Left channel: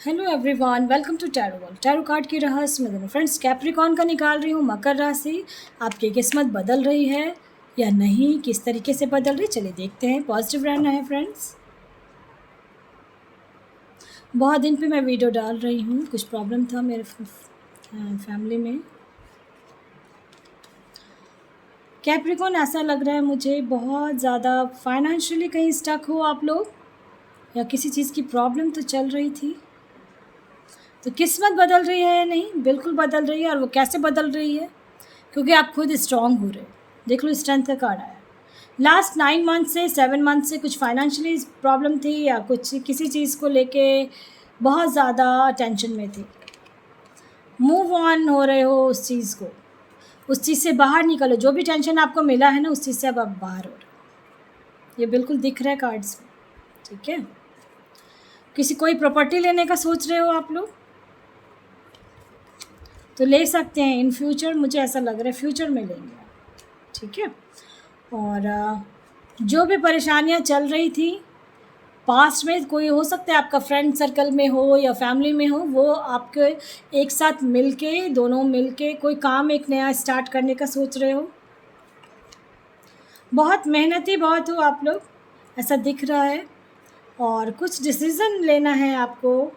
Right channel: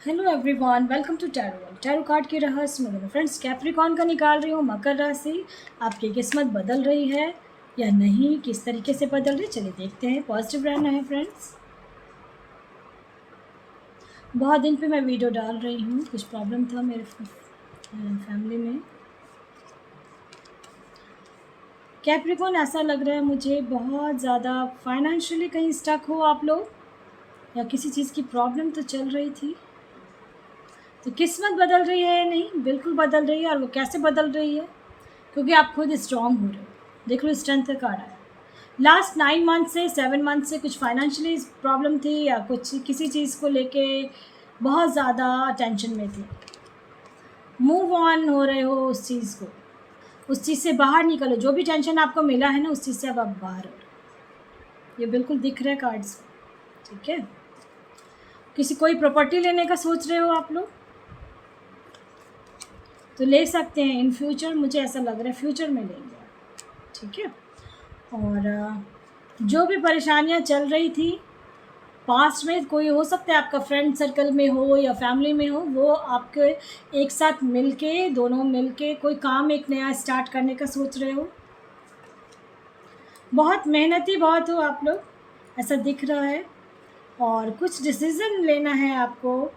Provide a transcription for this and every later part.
Hello everyone, welcome to tarot card की रहस्य में फ्रेंड्स कैप्रिकॉन का निकाल रही हूँ। मकर राशि, आपकी किस्मत बदल रही है या नहीं, किस तरीके से बदल रही, चलिए देखते हैं। पॉजिटिव रहना है फ्रेंड्स। बहुत दिन पे मैं वीडियो डाल रही हूँ, कुछ प्रॉब्लम था मेरे फैमिली में। कैप्रिकॉन, ऐसा लग रहा है मुझे बहुत ज़्यादा फाइनेंशियली कहीं स्टक हो आप लोग, या किसी चीज़ की प्रॉब्लम तो चल रही थी। तो किस्मत बदल रही है या नहीं, बिल्कुल बदल रही है। और वो कैसे बदल रही है, क्योंकि आप खुद स्ट्रांग हो रहे हो। देख लो, स्ट्रेंथ का कार्ड आया। लास्ट 9 मंथ से 7 मंथ से कुछ फाइनेंशियली प्रॉब्लम थी, या कुछ किसी चीज़ को लेके बहुत ज़्यादा टेंशन में थे। मूव ऑन हो रहे हो उस चीज़ को, उस चीज़ से बाहर निकलो। जो भी टेंशन आपको मिला है ना, उस चीज़ से अब आप बाहर हो रहे हो। ये बिल्कुल दिख रहा है कार्ड्स में, ठीक है। किसी कोई प्रॉपर्टी लेने का सोच रहे हो आप लोग, तो ले सकते हैं इन फ्यूचर। मुझे ऐसा लग रहा है फ्यूचर में लेंगे आप, ठीक है। और जो भी परेशानियां चल रही थी पास्ट में, कोई हो सकता है आपका फ्रेंड सर्कल में हो या फैमिली में हो, वो आपके एक साथ मिलके, दोनों मिलके कोई काम एक नया स्टार्ट करने का सोच रहे हो। बहुत मेहनती बहुत हो आप लोग, ऐसा दिख रहा है। और कुछ डिसीज़न लेना है आपको,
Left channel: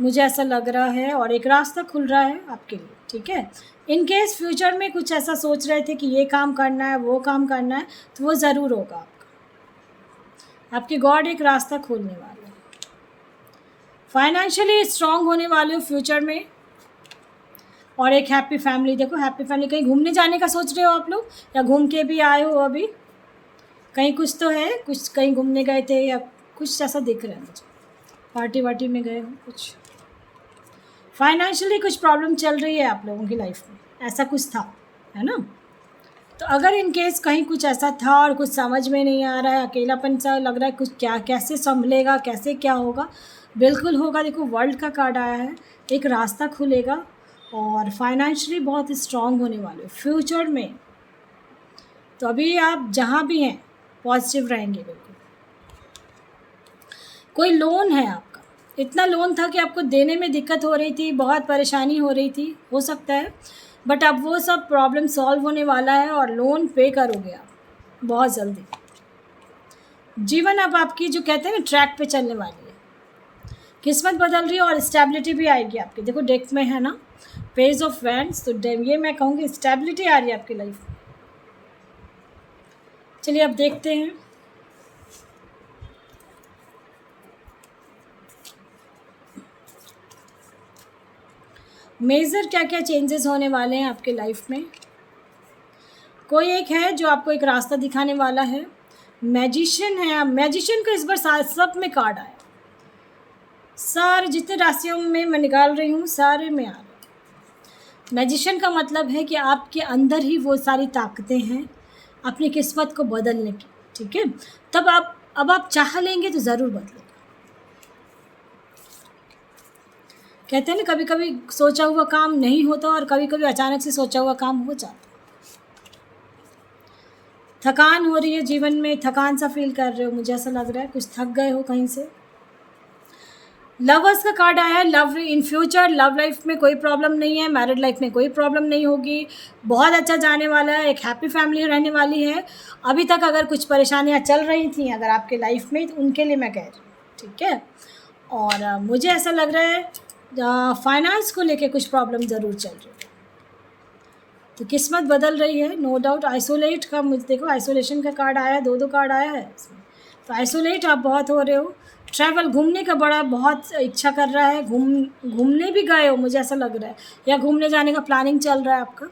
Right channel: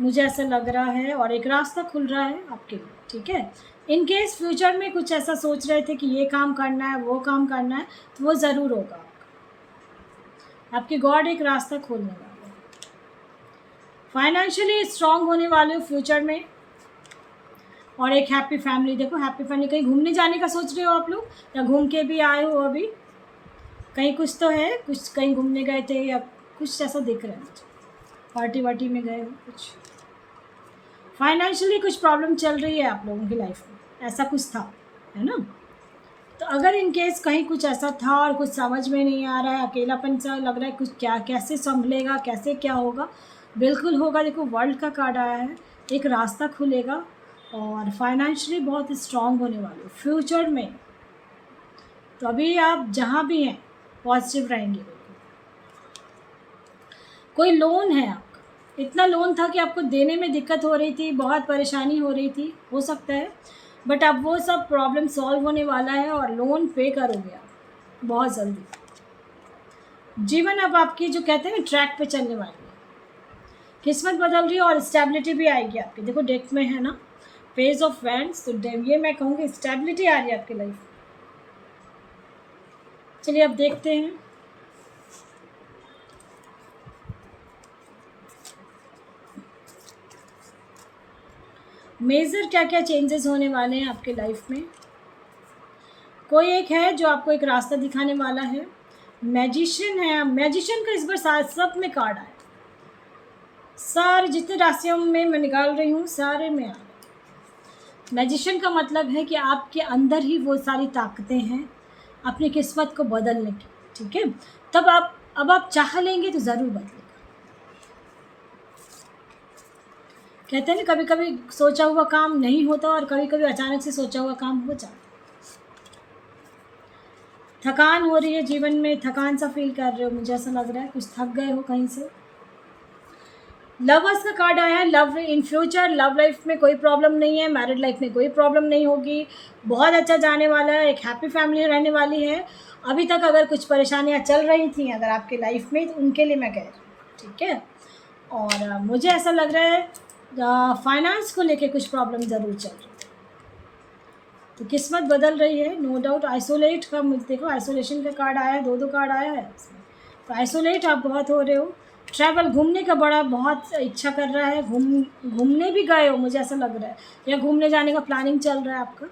मुझे ऐसा लग रहा है। और एक रास्ता खुल रहा है आपके लिए, ठीक है। इन केस फ्यूचर में कुछ ऐसा सोच रहे थे कि ये काम करना है, वो काम करना है, तो वो ज़रूर होगा आपका। आपके गॉड एक रास्ता खोलने वाले हैं। फाइनेंशियली स्ट्रांग होने वाले हो फ्यूचर में। और एक हैप्पी फैमिली, देखो हैप्पी फैमिली। कहीं घूमने जाने का सोच रहे हो आप लोग, या घूम के भी आए हो अभी कहीं, कुछ तो है, कुछ कहीं घूमने गए थे या कुछ ऐसा दिख रहा है मुझे। पार्टी वार्टी में गए हो कुछ। फाइनेंशियली कुछ प्रॉब्लम चल रही है आप लोगों की लाइफ में, ऐसा कुछ था, है ना। तो अगर इन केस कहीं कुछ ऐसा था और कुछ समझ में नहीं आ रहा है, अकेलापन सा लग रहा है, कुछ क्या कैसे संभलेगा, कैसे क्या होगा, बिल्कुल होगा। देखो वर्ल्ड का कार्ड आया है, एक रास्ता खुलेगा। और फाइनेंशियली बहुत स्ट्रांग होने वाले हो फ्यूचर में। तो अभी आप जहाँ भी हैं पॉजिटिव रहेंगे बिल्कुल। कोई लोन है आपका, इतना लोन था कि आपको देने में दिक्कत हो रही थी, बहुत परेशानी हो रही थी, हो सकता है। बट अब वो सब प्रॉब्लम सॉल्व होने वाला है और लोन पे करोगे आप बहुत जल्दी। जीवन अब आपकी, जो कहते हैं ना, ट्रैक पे चलने वाली है। किस्मत बदल रही है और स्टेबिलिटी भी आएगी आपकी। देखो डेक में है ना, पेज ऑफ वैंड्स, तो ये मैं कहूँगी स्टेबिलिटी आ रही है आपकी लाइफ में। चलिए अब देखते हैं मेजर क्या क्या चेंजेस होने वाले हैं आपके लाइफ में। कोई एक है जो आपको एक रास्ता दिखाने वाला है। मैजिशियन है, मैजिशियन का इस बार सब में कार्ड आया। सारे जितने राशियों में मैं निकाल रही हूँ, सारे में आ रहे हैं। मैजिशियन का मतलब है कि आपके अंदर ही वो सारी ताकतें हैं अपनी किस्मत को बदलने की, ठीक है। तब अब आप चाह लेंगे तो ज़रूर बदलेगा। कहते हैं ना, कभी कभी सोचा हुआ काम नहीं होता और कभी कभी अचानक से सोचा हुआ काम हो जाता है। थकान हो रही है जीवन में, थकान सा फील कर रहे हो, मुझे ऐसा लग रहा है कुछ थक गए हो कहीं से। लवर्स का कार्ड आया है। Love in future, love life में कोई प्रॉब्लम नहीं है, मैरिड लाइफ में कोई प्रॉब्लम नहीं होगी, बहुत अच्छा जाने वाला है, एक हैप्पी फैमिली रहने वाली है। अभी तक अगर कुछ परेशानियां चल रही थी अगर आपके लाइफ में, तो उनके लिए मैं कह रही हूँ, ठीक है। और मुझे ऐसा लग रहा है फाइनेंस को लेके कुछ प्रॉब्लम ज़रूर चल रही है। तो किस्मत बदल रही है, नो डाउट। आइसोलेट का मुझे देखो, आइसोलेशन का कार्ड आया है, दो कार्ड आया है इसमें। तो आइसोलेट आप बहुत हो रहे हो। ट्रैवल, घूमने का बड़ा बहुत इच्छा कर रहा है, घूमने भी गए हो मुझे ऐसा लग रहा है, या घूमने जाने का प्लानिंग चल रहा है आपका।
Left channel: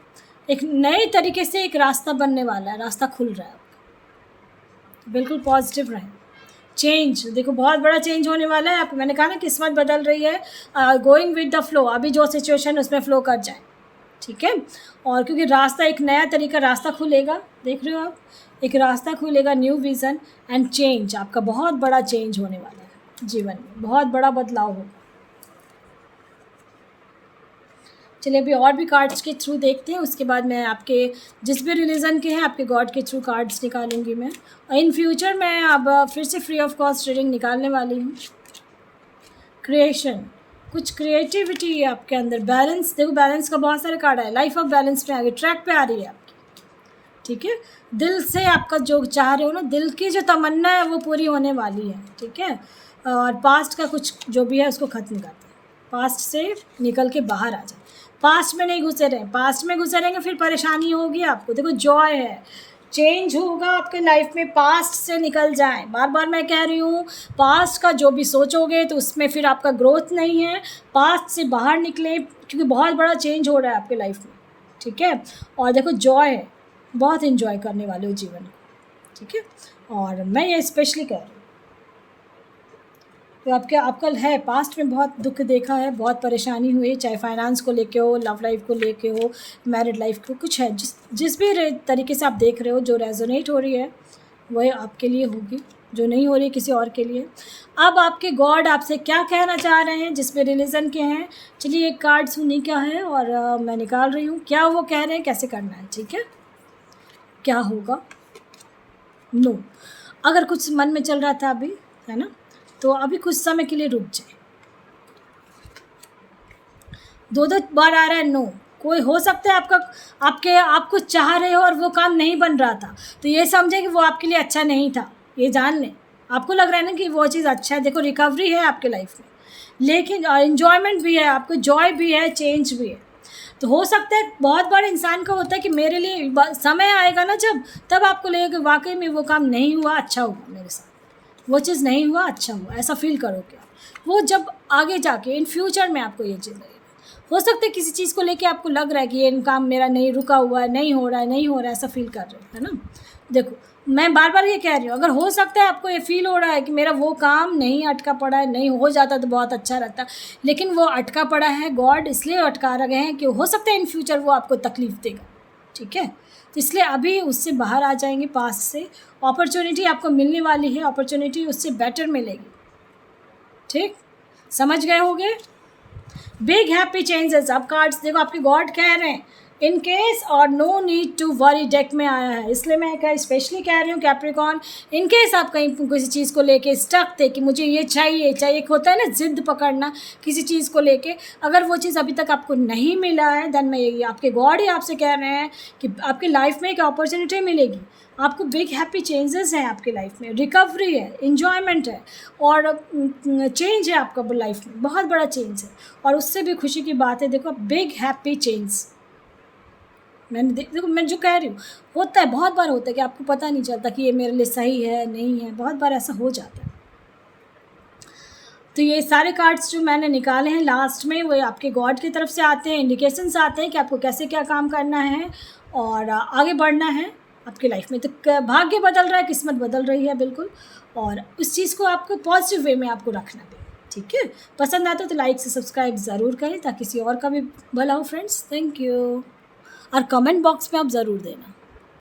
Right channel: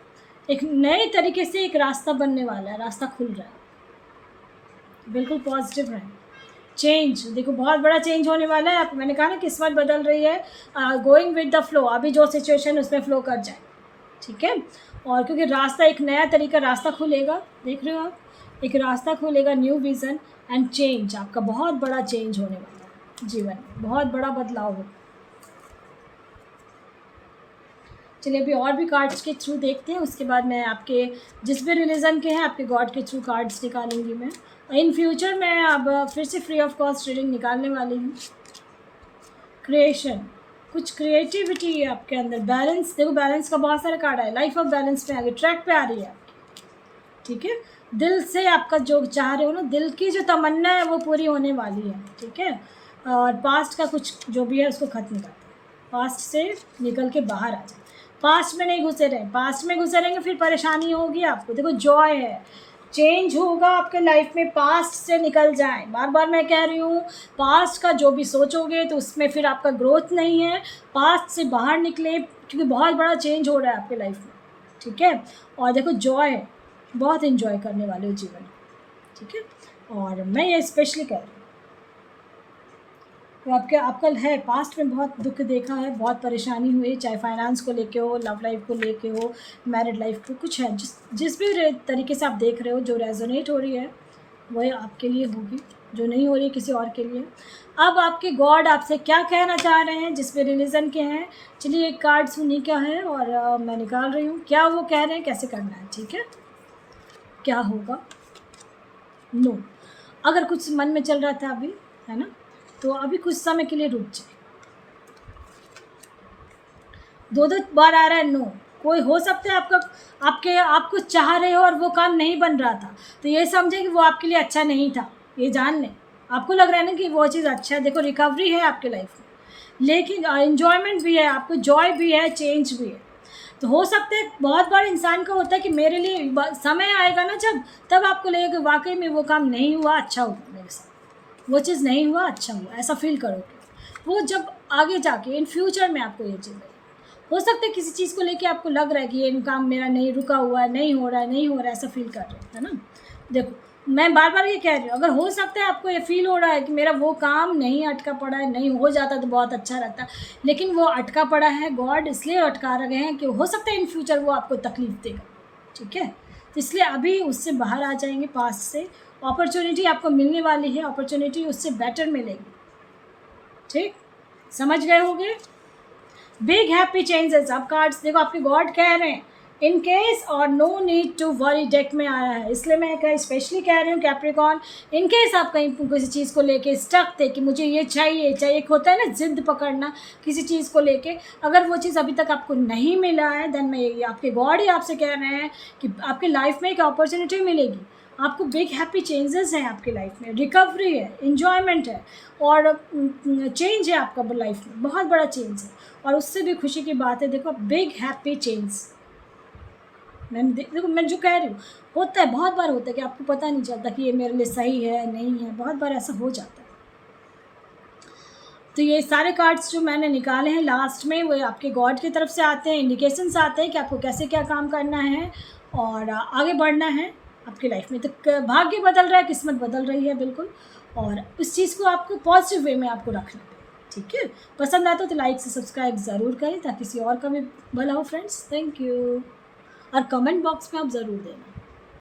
एक नए तरीके से एक रास्ता बनने वाला है, रास्ता खुल रहा है आपका। बिल्कुल पॉजिटिव रहें। चेंज, देखो बहुत बड़ा चेंज होने वाला है। आप, मैंने कहा ना किस्मत बदल रही है। गोइंग विद द फ्लो, अभी जो सिचुएशन है उसमें फ्लो कर जाए, ठीक है। और क्योंकि रास्ता, एक नया तरीका रास्ता खुलेगा, देख रहे हो आप, एक रास्ता खुलेगा, न्यू विज़न एंड चेंज। आपका बहुत बड़ा चेंज होने वाला है जीवन में, बहुत बड़ा बदलाव होगा। चलिए अभी और भी कार्ड्स के थ्रू देखते हैं, उसके बाद मैं आपके जिस भी रिलीजन के हैं आपके गॉड के थ्रू कार्ड्स निकालूंगी मैं। इन फ्यूचर मैं अब फिर से फ्री ऑफ कॉस्ट रीडिंग निकालने वाली हूँ। क्रिएशन, कुछ क्रिएटिविटी है आपके अंदर, बैलेंस, देखो बैलेंस का बहुत सारे कार्ड है, लाइफ ऑफ बैलेंस पे आ गई, ट्रैक पे आ रही है आपकी, ठीक है। दिल से आपका जो चाह रहे हो ना, दिल की जो तमन्ना है वो पूरी होने वाली है, ठीक है। और पास्ट का कुछ जो भी है उसको ख़त्म करते हैं, पास्ट से निकल के बाहर आ जाए, पास्ट में नहीं घुसे रहें, पास्ट में घुसे रहेंगे फिर परेशानी होगी आपको। देखो जॉय है, चेंज होगा आपके लाइफ में, पास्ट से निकल जाएं, बार बार मैं कह रही हूँ, पास्ट का जो भी सोचोगे तो उसमें फिर आपका ग्रोथ नहीं है, पास्ट से बाहर निकले क्योंकि बहुत बड़ा चेंज हो रहा है आपके लाइफ में, ठीक है। और देखो जॉय है, बहुत इन्जॉय करने वाले हो जीवन, ठीक है। और मैं ये स्पेशली कह रही हूँ तो आपका है, पास्ट में बहुत दुख देखा है, बहुत परेशानी हुई, चाहे फाइनेंस को लेके हो, लव लाइफ को लेके हो, मैरिड लाइफ को, कुछ है जिस भी तरीके से आप देख रहे हो, जो रेजोनेट हो रही है वह आपके लिए होगी, जो नहीं हो रही है किसी और के लिए। अब आपके गॉड आपसे क्या कहना चाह रहे हैं, जिसमें रिलीजन के हैं, चलिए एक कार्ड सुनी क्या है और मैं निकाल रही हूँ क्या वो कह रहे हैं, कैसे करना है, ठीक है। क्या होगा, नो, अगर कुछ मन में चल रहा था अभी, है ना, तो अभी कुछ समय के लिए रुक जाए। दो बार आ रहा है नो, कोई हो सकता है आपको चाह रहे हो और वो काम नहीं बन रहा था, तो ये समझे कि वो आपके लिए अच्छा नहीं था, ये जान लें। आपको लग रहा है ना कि वो चीज़ अच्छा है, देखो रिकवरी है आपके लाइफ में, लेकिन इन्जॉयमेंट भी है, आपको जॉय भी है, चेंज भी है। तो हो सकता है बहुत बार इंसान को होता है कि मेरे लिए समय आएगा ना जब, तब आपको लगेगा कि वाकई में वो काम नहीं हुआ, अच्छा हुआ मेरे साथ, वो चीज़ नहीं हुआ, अच्छा हुआ, ऐसा फील करोगे। वो जब आगे जाके इन फ्यूचर में आपको ये चीज़ लगेगी। हो सकता है किसी चीज़ को लेके आपको लग रहा है कि ये काम मेरा नहीं रुका हुआ है, नहीं हो रहा है, ऐसा फील कर रहे हो, है ना। देखो मैं बार बार ये कह रही हूँ, अगर हो सकता है आपको ये फील हो रहा है कि मेरा वो काम नहीं अटका पड़ा है, नहीं हो जाता तो बहुत अच्छा रहता, लेकिन वो अटका पड़ा है, गॉड इसलिए अटका रहे हैं कि हो सकता है इन फ्यूचर वो आपको तकलीफ़ देगा, ठीक है। तो इसलिए अभी उससे बाहर आ जाएंगे, पास्ट से अपॉर्चुनिटी आपको मिलने वाली है, अपॉर्चुनिटी उससे बेटर मिलेगी, ठीक, समझ गए होंगे। बिग हैप्पी चेंजेस, अब कार्ड्स देखो आपके गॉड कह रहे हैं इन केस और no need to worry, deck में आया है, इसलिए मैं स्पेशली कह रही हूँ कैप्रिकॉर्न, इन केस आप कहीं किसी चीज़ को लेके स्टक थे कि मुझे ये चाहिए, एक होता है ना जिद पकड़ना किसी चीज़ को लेके, अगर वो चीज़ अभी तक आपको नहीं मिला है, देन मैं ये आपके गॉड ही आपसे कह रहे हैं कि आपकी लाइफ में एक अपॉर्चुनिटी मिलेगी, आपको बिग हैप्पी चेंजेस हैं आपकी लाइफ में, रिकवरी है, इन्जॉयमेंट है और चेंज है आपका लाइफ में, बहुत बड़ा चेंज है, और उससे भी खुशी की बात है। देखो बिग हैप्पी चेंज, देखो मैं जो कह रही हूँ होता है, बहुत बार होता है कि आपको पता नहीं चलता कि ये मेरे लिए सही है नहीं है, बहुत बार ऐसा हो जाता है। तो ये सारे कार्ड्स जो मैंने निकाले हैं लास्ट में, वो आपके गॉड की तरफ से आते हैं, इंडिकेशंस आते हैं कि आपको कैसे क्या काम करना है और आगे बढ़ना है आपकी लाइफ में। तो भाग्य बदल रहा है, किस्मत बदल रही है बिल्कुल, और उस चीज़ को आपको पॉजिटिव वे में आपको रखना है, ठीक है। पसंद आता तो लाइक से सब्सक्राइब ज़रूर करें ताकि किसी और का भी भला हो फ्रेंड्स। थैंक यू, और कमेंट बॉक्स में आप ज़रूर देना।